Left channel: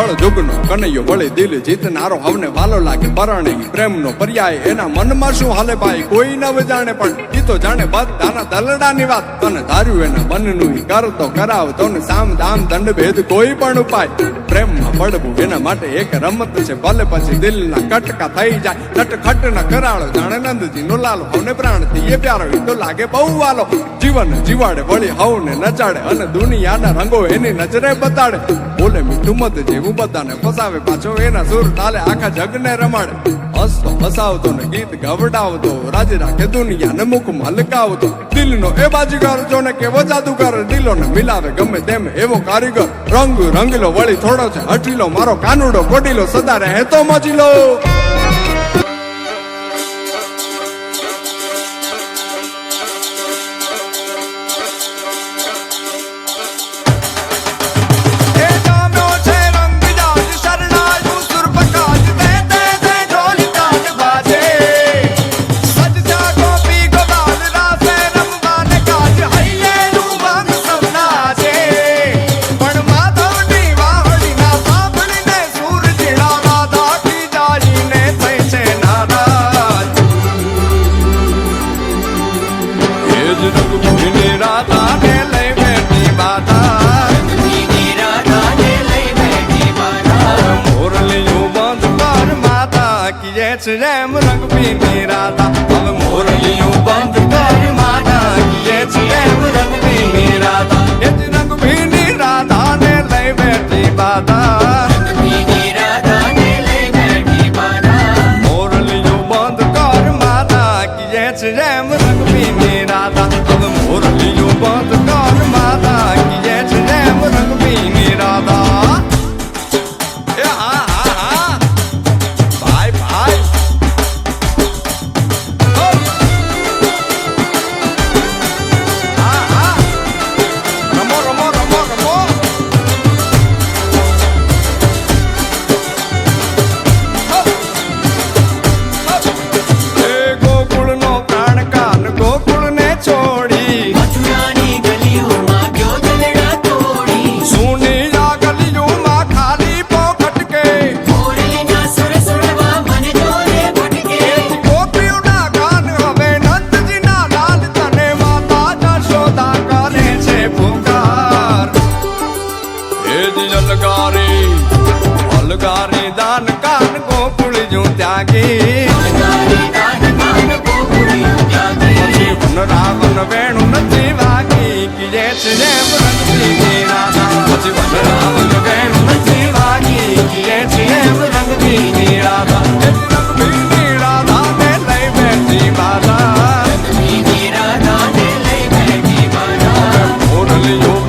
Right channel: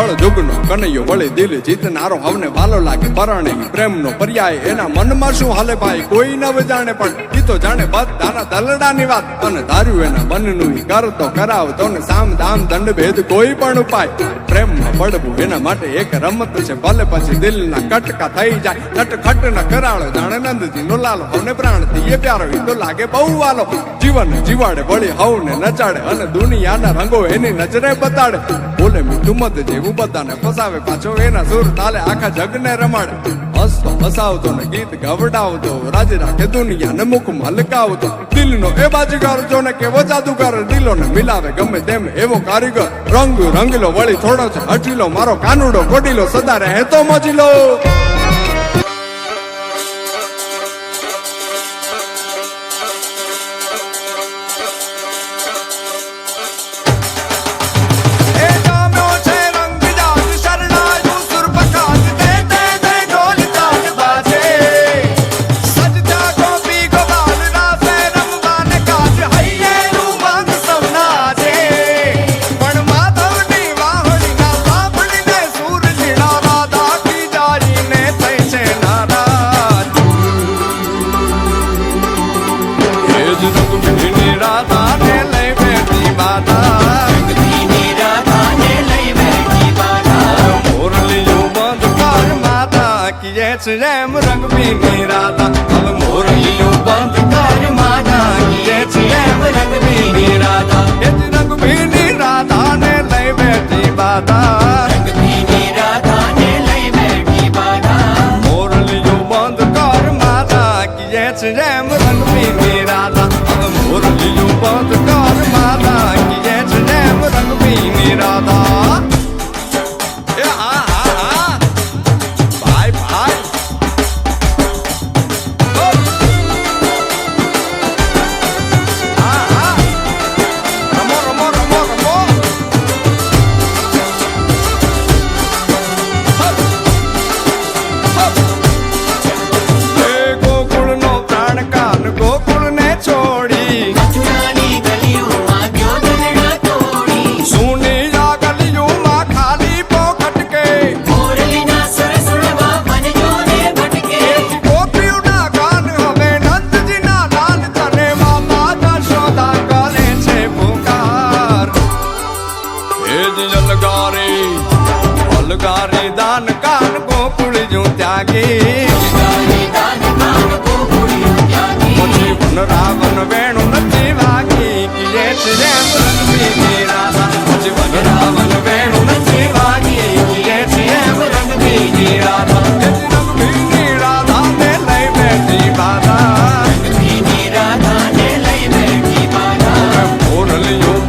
કળ જુગનો કનૈયો વળી દિલ જીતનારો હવને વાલો લાગે, પરણે પ્રેમનો પર્યાય, એના મનમાં શું હાલે ભાઈ? કોઈ ન જાણે પણ, ઈ તો જાણે બધાના દલડાની વાત. અને ધાર્યું એના મનનું કરતો કરાવતો ને સામ, દામ, દંડ ભેદ કોઈ પણ ઉપાય. પ્રેમમાં પડવું, એના માટે એક રમત છે. ભલે પછી દિલના કટકા થઈ જાય નટખટ ન કરાળો જાણે નંદજી નો લાલો, હવને પ્રાણથી એ પ્યારો તો લાગે બહુ વાલો. જીવન જીવાડે, વળી હવને નચાડે અને દુનિયાના રંગો એની નજરે બતાડે. બોલે મીઠું મત જેવું બધાને ફસાવે, પાછો એના સુર તાલે આખા જગને રમાડે. હસતો, હસાવતો ને ગીત ગવડાવતો, રાજી રાખે દુનિયાને મુખ મલકાવતો. દિલનો એ બાજીગર જો ને કેવો જાદુગર, દિલોને મિલાવે ગમે તેમ એવો કારીગર. રંગ રંગીલો, વળી થોડો છે હઠીલો મારો કાનુડો કોટીલો સદા રહે તો મજીલો રંગ ભીની રાધાને લઈ બેઠી માતા હવે મોરલીયું બંધ કર માતા કીએ છે જેમ રંગ પીની રાધા. હવે મોરલીયું બંધ કર માતા માતા કીએ છે જેમ રંગ પીની રાધા. હવે મોરલીયું બંધ કર માતા. કીએ છે જેમ રંગ પીની ગોકુળને છોડી. મથુરાની ગલીઓમાં ગયો દલડા તોડી. સુની આ ગલીઓમાં ખાલી પોખટ કે મોરલીના સુર સુરવા મન જોને ભટકે. એથી ગોપીઓના કાન હવે નંદજીના લાલ તને માતા જશોદા કરે છે પુકાર. એ જલગારી અલગારી દાન કાન ગોકુળ જો ત્યાગી. વન રાવણ વેણુ નથી વાગી કિયે છે જેમ રંગબીજી રાધા પછી વન રાવણ વેણુ નથી વાગી કિયે છે જેમ રંગબીજી રાધા એ રંગબીજી રાધા ને લઈ બેઠી બાધા. રંગબીજી રાધા ને લઈ બેઠી બાધા. મોરલિયો